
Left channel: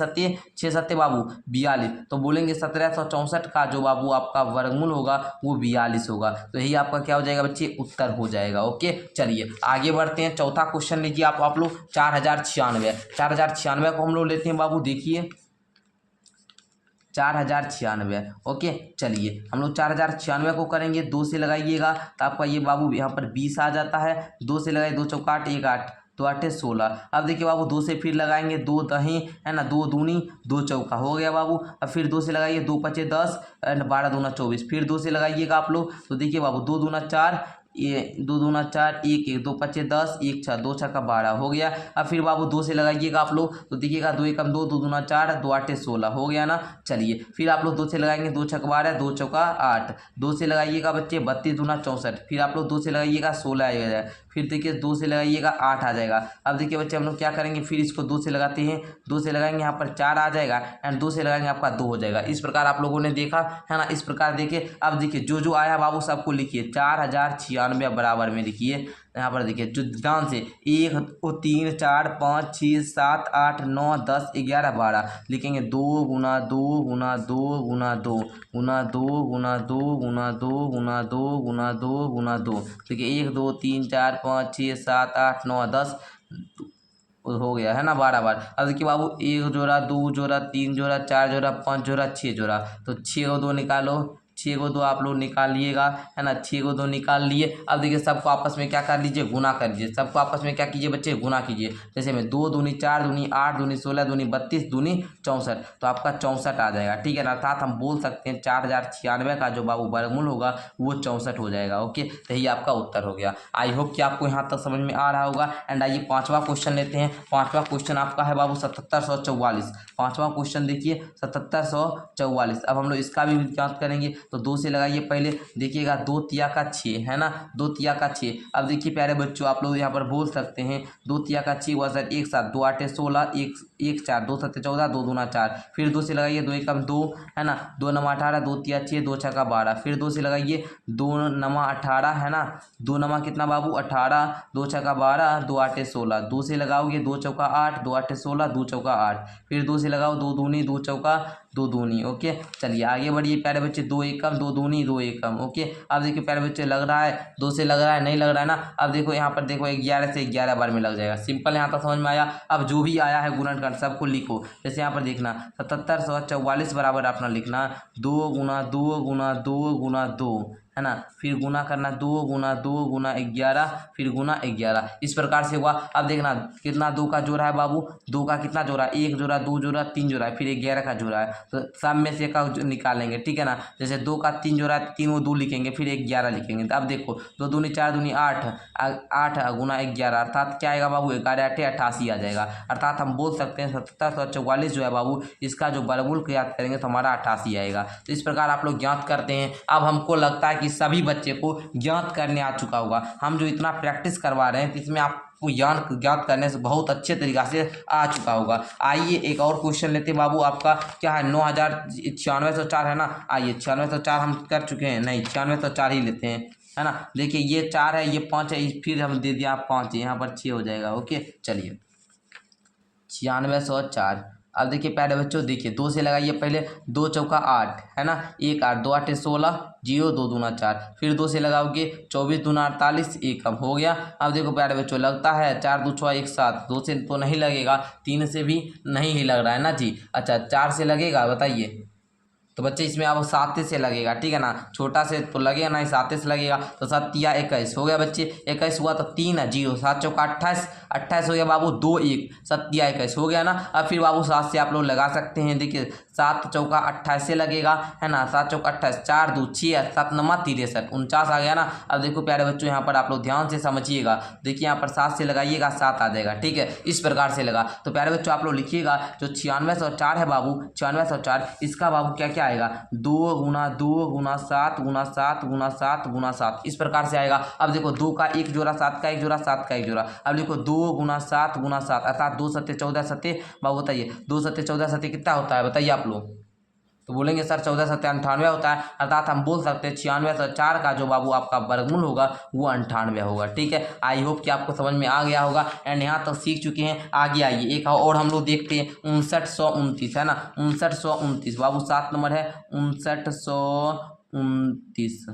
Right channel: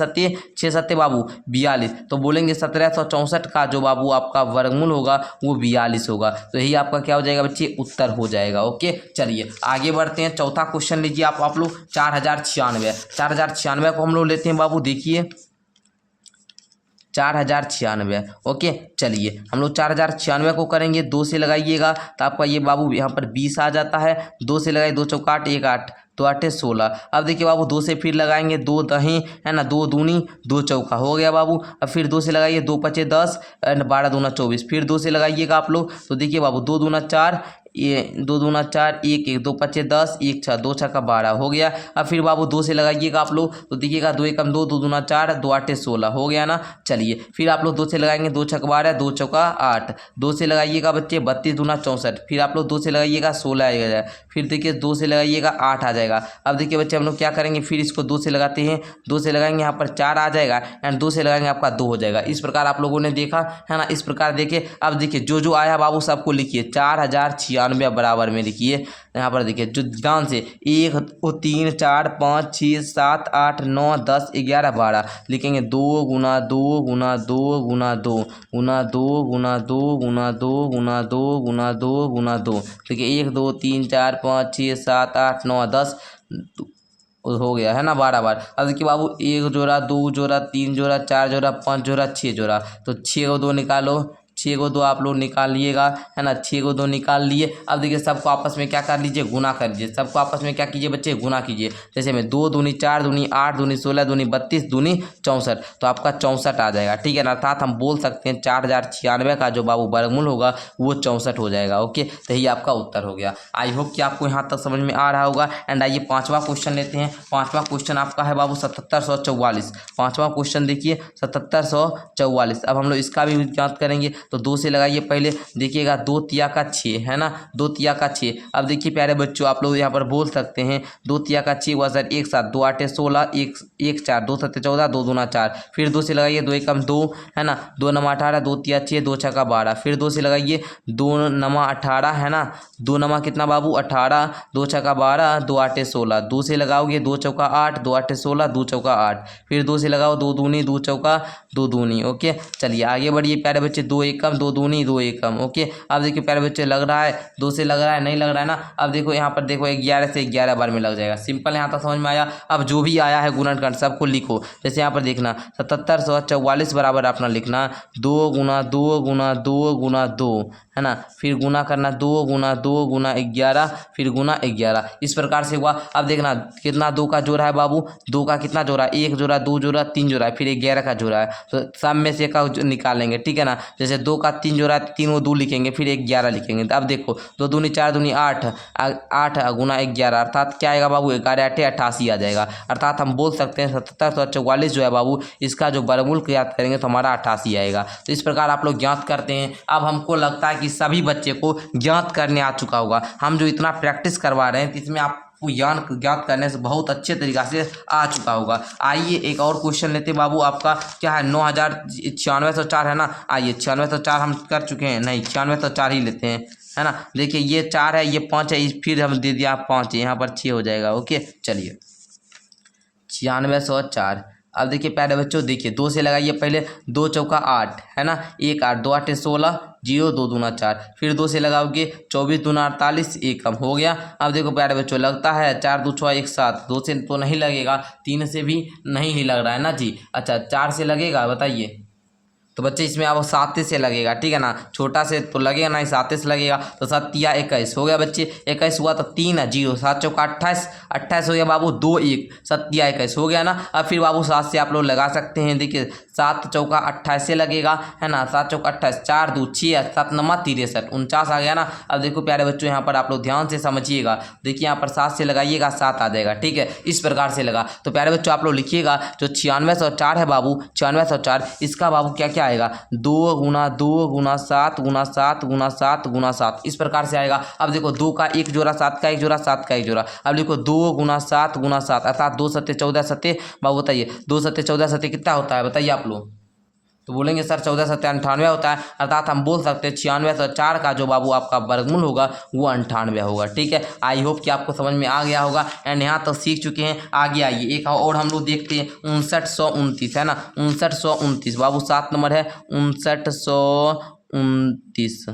सत्ते बाबू 42, तो बोलेंगे 1764 का जो बाबू आपका वर्गमूल होगा वो 42 होगा। तो यही आपका क्या हो जाएगा बच्चे, उत्तर हो जाएगा। ओके चलिए आगे बढ़ते हैं। चौथा क्वेश्चन लीजिए आप लोग। 4096 को हम लोग लेते हैं बाबू। देखिए 4096। ओके चलिए हम लोग 4096 को करेंगे। 2 से लगाइएगा तो आपका ये बाबू यहाँ पर 20 आ जाता है। 2 से लगाइए, 2 चौका 8, 1 8, 2 8 16। अब देखिए बाबू 2 से फिर लगाएंगे, 2 दही है ना, 2 दूनी 2 चौका, हो गया बाबू। अब फिर 2 से लगाइए, 2 पचे 10 एंड 12 दूना 24, फिर 2 से लगाइएगा आप लोग, तो देखिए बाबू 2 दूना 4, ये 2 दूना 4, 1 1, 2 पचे 10, 1 6, 2 6 का 12, हो गया। अब फिर बाबू 2 से लगाइएगा आप लोग, तो देखिएगा 2 एकम 2, 2 दूना 4, 2 आठे 16, हो गया ना। चलिए फिर आप लोग 2 से लगाएंगे, 2 छक 12, 2 चौका 8, 2 से लगाइएगा बच्चे 32 दूना 64, फिर आप लोग 2 से लगाइएगा 16 आएगा, फिर देखिए 2 से लगाइएगा 8 आ जाएगा। अब देखिए बच्चे हम लोग क्या करेंगे, फिर इसको 2 से लगाते हैं, 2 से लगाएंगे यहाँ पर 4 आ जाएगा, एंड 2 से लगाएंगे आपका 2 हो जाएगा। इस प्रकार आप लोगों ने देखा है ना, इस प्रकार देखिए। अब देखिए जो जो आया बाबू सबको लिखिए, 4096 बराबर में लिखिए। यहाँ पर देखिए जो ध्यान से 1 3 4 5 6 7 8 9 10 11 12 लिखेंगे। 2 गुना 2 गुना 2 गुना 2 गुना 2 गुना 2 गुना 2 गुना 2 गुना 2 गुना 2, देखिए 1 2 3 4 5 6 7 8 9 10 हो गया है ना 12 बार। अब देखिए बाबू 1 जोड़ा 2 जोड़ा 3 जोड़ा 4 जोड़ा 5 जोड़ा 6 जोड़ा, तो 6 को 2 निकालो, 6 को 2 आप लोग निकालिएगा है ना, 6 को 2 निकाल लिए। अब देखिए सबको आपस में क्या कर लीजिए, गुना कर लीजिए। सबको आपस में क्या कीजिए बच्चे, गुना कीजिए। जैसे में 2 दूनी 4 दूनी 8 दूनी 16 दूनी 32 दूनी 64, तो आपका 64 आ जाएगा, ठीक है ना। अर्थात हम बोल सकते हैं 4096 का जो बाबू वर्गमूल होगा वो 64 हो जाएगा। ओके तो यही आपका उत्तर हो गया। आई होप कि आपको यहाँ तक समझ में आ रहा होगा। एंड आइए पाँचवा क्वेश्चन लेते हैं। पाँचवा क्वेश्चन आपका है बाबू 7744। पाँचवा क्वेश्चन देखिए 7744। अब हम लोग इसका भी ज्ञात करेंगे, तो 2 से लगाइए पहले। देखिएगा 2 तिया का 6 है ना, 2 तिया का 6। अब देखिए प्यारे बच्चों आप लोग यहाँ पर बोल सकते हैं 2 तिया का 6 हुआ सर 1 7, 2 आठे 16, 1 4, 2 सत्ते 14, 2 दूना 4, फिर 2 से लगाइए, 2 एकम 2 है ना, 2 नमा 18, 2 तिया 6, 2 छक्का 12, फिर 2 से लगाइए, 2 नमा 18 है ना, 2 नमा कितना बाबू 18, 2 छक्का 12, 2 आठे 16, 2 से लगाओगे 2 चौका 8, 2 आठे 16, 2 चौका 8, फिर 2 से लगाओ 2 दूनी 2 चौका 2 दूनी। ओके चलिए आगे बढ़िए प्यारे बच्चे, 2 एकम 2 दूनी 2 एकम। ओके अब देखिए प्यारे बच्चे लग रहा है 2 से लग रहा है, नहीं लग रहा है ना। अब देखो यहाँ पर देखो 11 से 11 बार में लग जाएगा। सिंपल यहाँ तक समझ में आया। अब जो भी आया है गुणनखंड सबको लिखो। जैसे यहाँ पर देखना 7744 बराबर अपना लिखना 2 गुना 2 गुना 2 गुना 2 है ना, फिर गुना करना 2 गुना 11, फिर गुना 11, इस प्रकार से हुआ। अब देखना कितना 2 का जोड़ा है बाबू, 2 का कितना जोड़ा है, 1 जोड़ा, 2 जोड़ा, 3 जोड़ा है, फिर 11 का जोड़ा है, तो सब में से का निकालेंगे, ठीक है ना। जैसे 2 का 3 जोड़ा है, 3 को 2 लिखेंगे, फिर 11 लिखेंगे। तो अब देखो 2 दूनी 4 दूनी 8, 8 गुना 11 अर्थात क्या आएगा बाबू, 11 8 88 आ जाएगा। अर्थात हम बोल सकते हैं 7744 जो है बाबू, इसका जो वर्गमूल ज्ञात करेंगे तो हमारा 88 आएगा। तो इस प्रकार आप लोग ज्ञात करते हैं। अब हमको लगता है कि सभी बच्चे को ज्ञात करने आ चुका होगा। हम जो इतना प्रैक्टिस करवा रहे हैं तो इसमें आपको ज्ञात करने से बहुत अच्छे तरीक़ा से आ चुका होगा। आइए एक और क्वेश्चन लेते हैं बाबू। आपका क्या है, 9604 है ना। आइए 9604 हम कर चुके हैं, नहीं 9604 ही लेते हैं, है ना। देखिए ये 4 है, ये 5 है, फिर हम दे दिया 5, यहाँ पर 6 हो जाएगा। ओके चलिए 9604। अब देखिए प्यारे बच्चों, देखिए 2 से लगाइए पहले, 2 चौका 8 है ना, 1 8, 2 8 16, 0 2 दूना 4, फिर 2 से लगाओगे 24 दूना 48, 1 कम हो गया। अब देखो प्यारे बच्चों लगता है 4 2 6 1 7, 2 से तो नहीं लगेगा, 3 से भी नहीं लग रहा है ना जी। अच्छा 4 से लगेगा बताइए, तो बच्चे इसमें अब 7 से लगेगा, ठीक है ना। छोटा से तो लगेगा नहीं, 7 से लगेगा, तो 7 या 21 हो गया बच्चे, 21 हुआ तो 3 है 0, 7 चौका 28, 28 हो गया बाबू, 2 1, 7 या 21 हो गया ना। अब फिर बाबू 7 से आप लोग लगा सकते हैं। देखिए 7 चौका 28 से लगेगा, है ना, 7 चौका 28, 4 2 6, 7 नमा 63, 49 आ गया ना। अब देखो प्यारे बच्चों यहाँ पर आप लोग ध्यान से समझिएगा, देखिए यहाँ पर 7 से लगाइएगा 7 आ जाएगा, ठीक है, इस प्रकार से लगा। तो प्यारे बच्चों आप लोग लिखिएगा जो 9604 है बाबू, 9604, इसका बाबू क्या क्या आएगा, 2 गुना 2 गुना 7 गुना 7 गुना 7 गुना 7, इस प्रकार से आएगा। अब देखो 2 का 1 जोड़ा, 7 का 1 जोड़ा, 7 का 1 जोड़ा। अब देखो 2 गुना 7 गुना 7 अर्थात 2 सत्ते 14 सत्ते, बाबू बताइए 2 सत्ते 14 सत्ते कितना होता है बताइए आप लोग। तो बोलेंगे सर 14 सत्ते 98 होता है, अर्थात हम बोल सकते हैं 9604 का जो बाबू आपका वर्गमूल होगा वो 98 होगा, ठीक है। आई होप कि आपको समझ में आ गया होगा एंड यहाँ तक सीख चुके हैं। आगे आइए एक और हम लोग देखते हैं 5929 है ना, 5929 बाबू 7 नंबर है, 5929,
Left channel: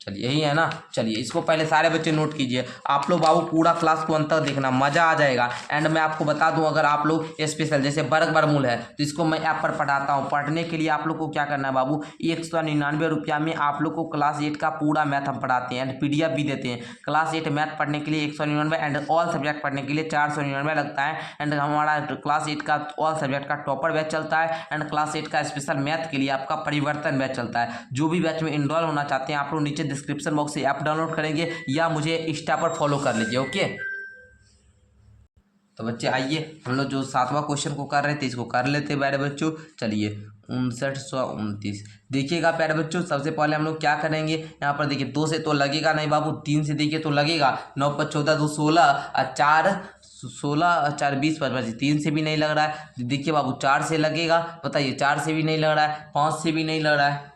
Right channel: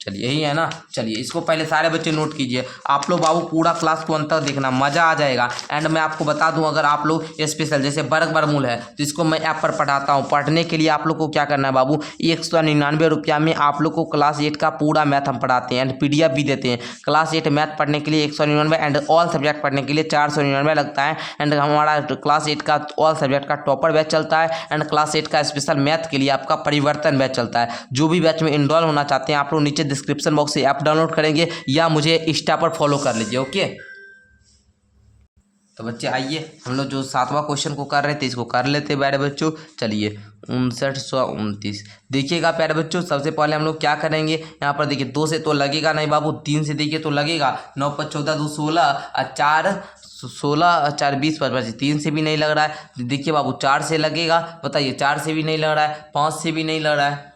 चलिए यही है ना। चलिए इसको पहले सारे बच्चे नोट कीजिए, आप लोग बाबू पूरा क्लास को अंत तक देखना, मज़ा आ जाएगा। एंड मैं आपको बता दूं अगर आप लोग स्पेशल जैसे वर्ग वर्गमूल है तो इसको मैं ऐप पर पढ़ाता हूं। पढ़ने के लिए आप लोग को क्या करना है बाबू, 199 रुपया में आप लोग को क्लास 8 का पूरा मैथ हम पढ़ाते हैं एंड PDF भी देते हैं। क्लास 8 मैथ पढ़ने के लिए 199 एंड ऑल सब्जेक्ट पढ़ने के लिए 499 लगता है। एंड हमारा क्लास 8 का ऑल सब्जेक्ट का टॉपर बैच चलता है एंड क्लास 8 का स्पेशल मैथ के लिए आपका परिवर्तन बैच चलता है। जो भी बैच में इनरोल होना चाहते हैं आप लोग नीचे डिस्क्रिप्शन बॉक्स से ऐप डाउनलोड करेंगे या मुझे इंस्टा पर फॉलो कर लीजिए। ओके तो बच्चे आइए हम लोग जो 7वां क्वेश्चन को कर रहे थे इसको कर लेते हैं प्यारे बच्चों। चलिए 5929 देखिएगा प्यारे बच्चों, सबसे पहले हम लोग क्या करेंगे, यहाँ पर देखिए 2 से तो लगेगा नहीं बाबू, 3 से देखिए तो लगेगा, 9 5 14 2 16 और 4 16 4 20 25, 3 से भी नहीं लग रहा है। देखिए बाबू 4 से लगेगा बताइए, 4 से भी नहीं लग रहा है, 5 से भी नहीं लग रहा है,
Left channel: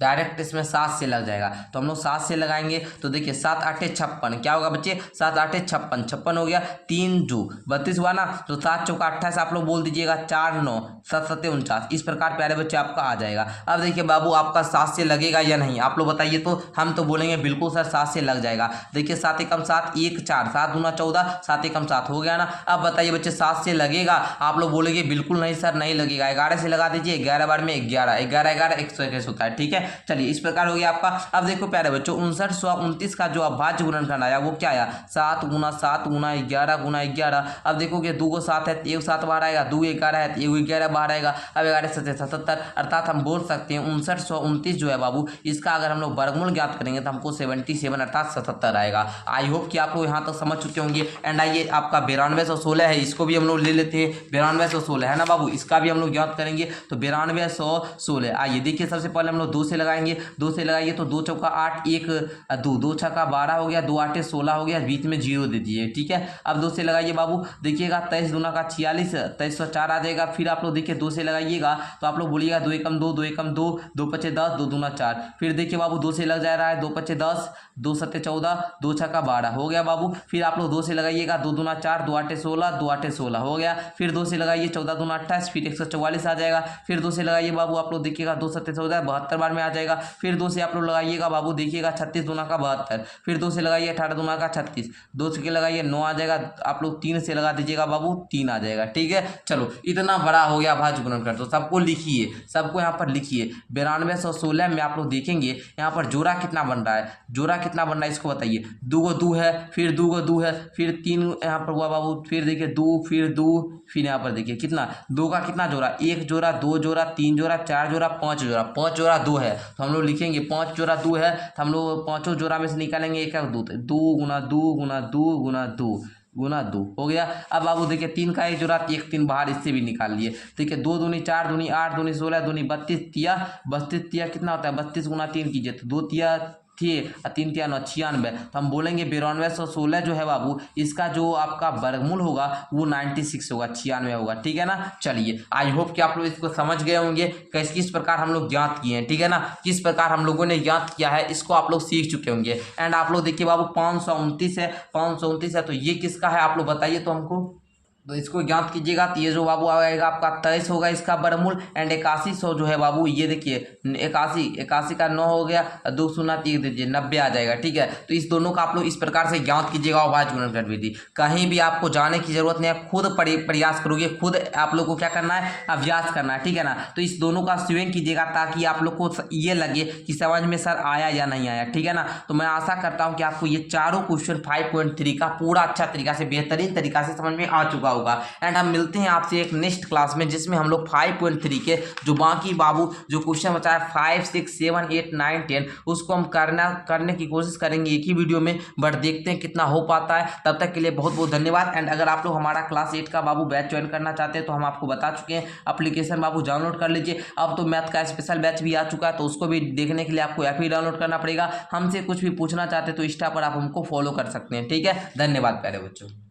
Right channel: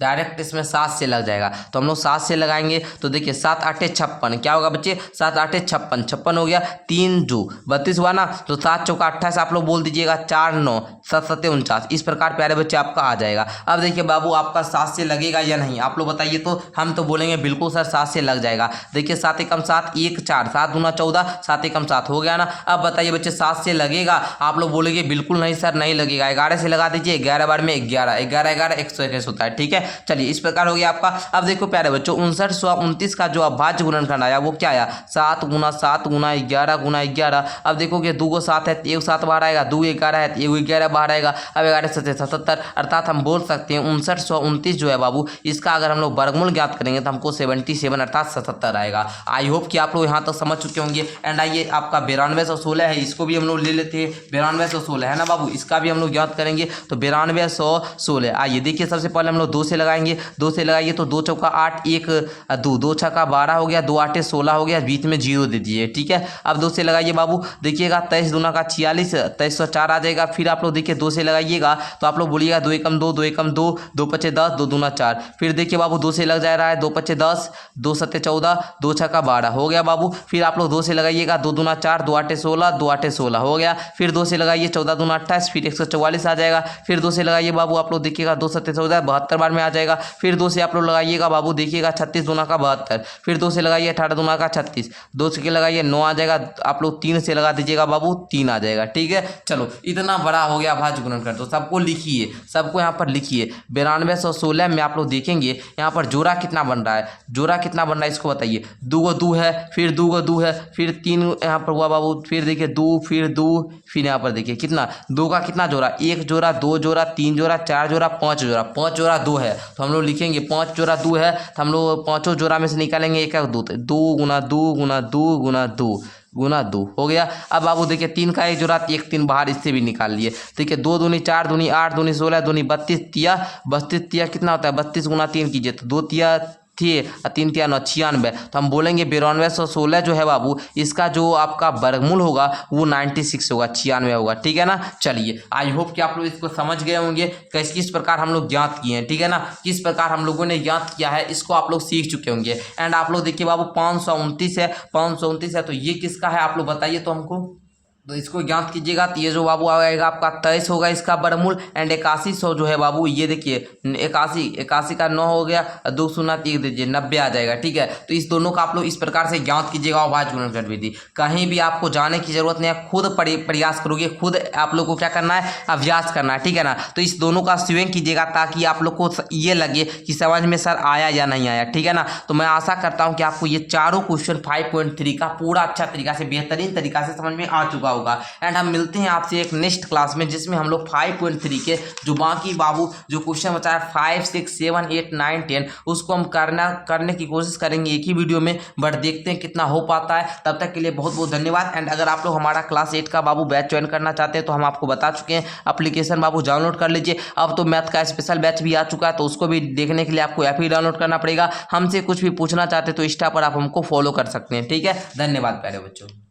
डायरेक्ट इसमें 7 से लग जाएगा। तो हम लोग 7 से लगाएंगे तो देखिए 7 8 56 क्या होगा बच्चे, 7 8 56 56 हो गया, 3 जो 32 हुआ ना, तो 7 चौका 28 आप लोग बोल दीजिएगा, 4 9 7 7 49, इस प्रकार प्यारे बच्चे आपका आ जाएगा। अब देखिए बाबू आपका 7 से लगेगा या नहीं आप लोग बताइए, तो हम तो बोलेंगे बिल्कुल सर 7 से लग जाएगा। देखिए 7 एकम 7 1 4, 7 दूना 14, 7 एकम 7 हो गया ना। अब बताइए बच्चे 7 से लगेगा, आप लोग बोलेंगे बिल्कुल नहीं सर नहीं लगेगा, 11 से लगा दीजिए, 11 बार में 11 11 11 121 होता है, ठीक है। चलिए इस प्रकार हो गया आपका। अब देखो प्यारे बच्चों 5929 का जो अभाज्य गुणनखंड आया वो क्या आया, 7 गुना 7 गुना 11 गुना 11। अब देखोगे 2 को 7 है, 1 7 बाहर आएगा, 2 11 है, 1 11 बाहर आएगा। अब 11 7 77, अर्थात हम बोल सकते हैं 5929 जो है बाबू, इसका अगर हम लोग वर्गमूल ज्ञात करेंगे तो हमको 77 अर्थात 77 आएगा। आई होप कि आप लोग यहाँ तक समझ चुके होंगे। एंड आइए आपका 9216 है, इसको भी हम लोग ले लेते हैं, 9216 है ना बाबू, इसका भी हम लोग ज्ञात करेंगे। तो 9216 आइए देखिए सबसे पहले हम लोग 2 से लगाएंगे, 2 से लगाइए तो 2 चौका 8 1 2 2 छक्का 12 हो गया, 2 8 16 हो गया, बीच में 0 दे दीजिए, ठीक है। अब 2 से लगाइए बाबू, देखिएगा 23 दूना का 46 2304 आ जाएगा। फिर आप लोग देखिए 2 से लगाइएगा तो आप लोग बोलिएगा 2 एकम 2 2 एकम 2 2 पचे 10 2 दूना 4। फिर देखिए बाबू 2 से लग जा रहा है, 2 पचे 10 2 सत्ते 14 2 छक्का 12 हो गया बाबू। फिर आप लोग 2 से लगाइएगा, 2 दूना 4 2 8 16 2 8 16 हो गया। फिर 2 से लगाइए 14 दूना 28, फिर 144 आ जाएगा। फिर 2 से लगाइए बाबू, आप लोग देखिएगा 2 सत्ते 14 72 बार में आ आ जाएगा। फिर 2 से आप लोग लगाइएगा बाबू, देखिएगा 36 दूना का 72, फिर 2 से लगाइए 18 दूना का 36, 2 से लगाइए 9 आ जाएगा। आप लोग 3 से लगा दीजिएगा बाबू, 3 आ जाएगा। ठीक है, चलो इतना बड़ा हो गया भाज्य गुणनखंड, तो सबको लिखिए, सबको यहाँ पर लिखिए। 9216 में आप लोग देखेंगे यहाँ पर जोड़ा कितना बन रहा है, जोड़ा कितना बन रहा है इसको बताइए। 2 को 2 है, फिर 2 को 2 है, फिर 3 यहाँ पर हुआ बाबू, फिर देखिए 2, फिर 2, फिर यहाँ पर देखिए कितना 2 का कितना जोड़ा, 1 जोड़ा, 2 जोड़ा, 3 जोड़ा, 4 जोड़ा, 5 जोड़ा, 5 जोड़ा 2 है, तो हम लोग लिखेंगे 5 जोड़ा 2 है, तो हम लोग पाँचों जोड़ा में से निकालेंगे 1 2, 2 गुना 2 गुना 2 गुना 2 गुना 2 हो गया। अब बाबू देखिए 3 का 1 जोड़ा, 1 3 बाहर, इससे भी निकाल लिए। देखिए 2 दूनी 4 दूनी 8 दूनी 16 दूनी 32 तिया, 32 तिया कितना होता है, 32 गुना 3 कीजिए तो 2 तिया थी और 3 तिया 9 96, तो हम बोलेंगे 9216 जो है बाबू, इसका जो आपका वर्गमूल होगा वो 96 होगा, 96 होगा। ठीक है ना। चलिए आई होप कि आप लोग इसको समझ गए होंगे किस प्रकार हम लोग ज्ञात किए हैं। ठीक है ना, किस प्रकार हम लोगों ने ज्ञात किया है इसको आप लोग सीख चुके होंगे। एंड आप लोग देखिए बाबू 529 है, 529 है, तो ये किसका है आप लोग बताइए तो हमको, तो इसको ज्ञात कीजिएगा। तो ये जो बाबू आएगा आपका 23 होगा इसका वर्गमूल। एंड 8100 जो है बाबू, ये देखिए 81 का 9 हो गया, 2 शून्य 3 दीजिए 90 आ जाएगा। ठीक है, तो इस दोनों का आप लोग इस प्रकार से ज्ञात कीजिएगा अभाज्य गुणनखंड विधि। कहीं भी आपको जाने की जरूरत नहीं है, खुद प्रयास करोगे, खुद आप लोग को क्या करना है, अभ्यास करना है। ठीक है ना, तो इस दोनों का स्वयं कीजिएगा ताकि आप लोग को ये लगे कि समझ में सर आया या नहीं आया। ठीक है ना, तो मैं आशा करता हूँ कि आपको ये चारों क्वेश्चन 5.3 का पूरा अच्छा तरीका से, बेहतरीन तरीका से समझ में आ चुका होगा। एंड हम मिलते हैं आपसे एक नेक्स्ट क्लास में जिसमें हम लोग 5.3 के जो बाकी बाबू जो क्वेश्चन बचा है 5, 6, 7, 8, 9, 10 उसको हम करने की कोशिश करेंगे एक ही वीडियो में, बट देखते हैं कितना हो पाता है। तब तक के लिए बहुत बहुत धन्यवाद। एंड अगर आप लोग हमारा क्लास 8 का बाबू बैच ज्वाइन करना चाहते हैं तो हम आपको बता चुके हैं, एप्लीकेशन बाबू डाउनलोड कर लीजिए। अब तो मैथ का स्पेशल बैच भी आ चुका है, तो उसको भी देखने के लिए आपको ऐप ही डाउनलोड करना पड़ेगा। हमसे कुछ भी पूछना चाहते हैं तो इंस्टा पर आप हमको फॉलो कर सकते हैं। ठीक है, धन्यवाद प्यारे बच्चों।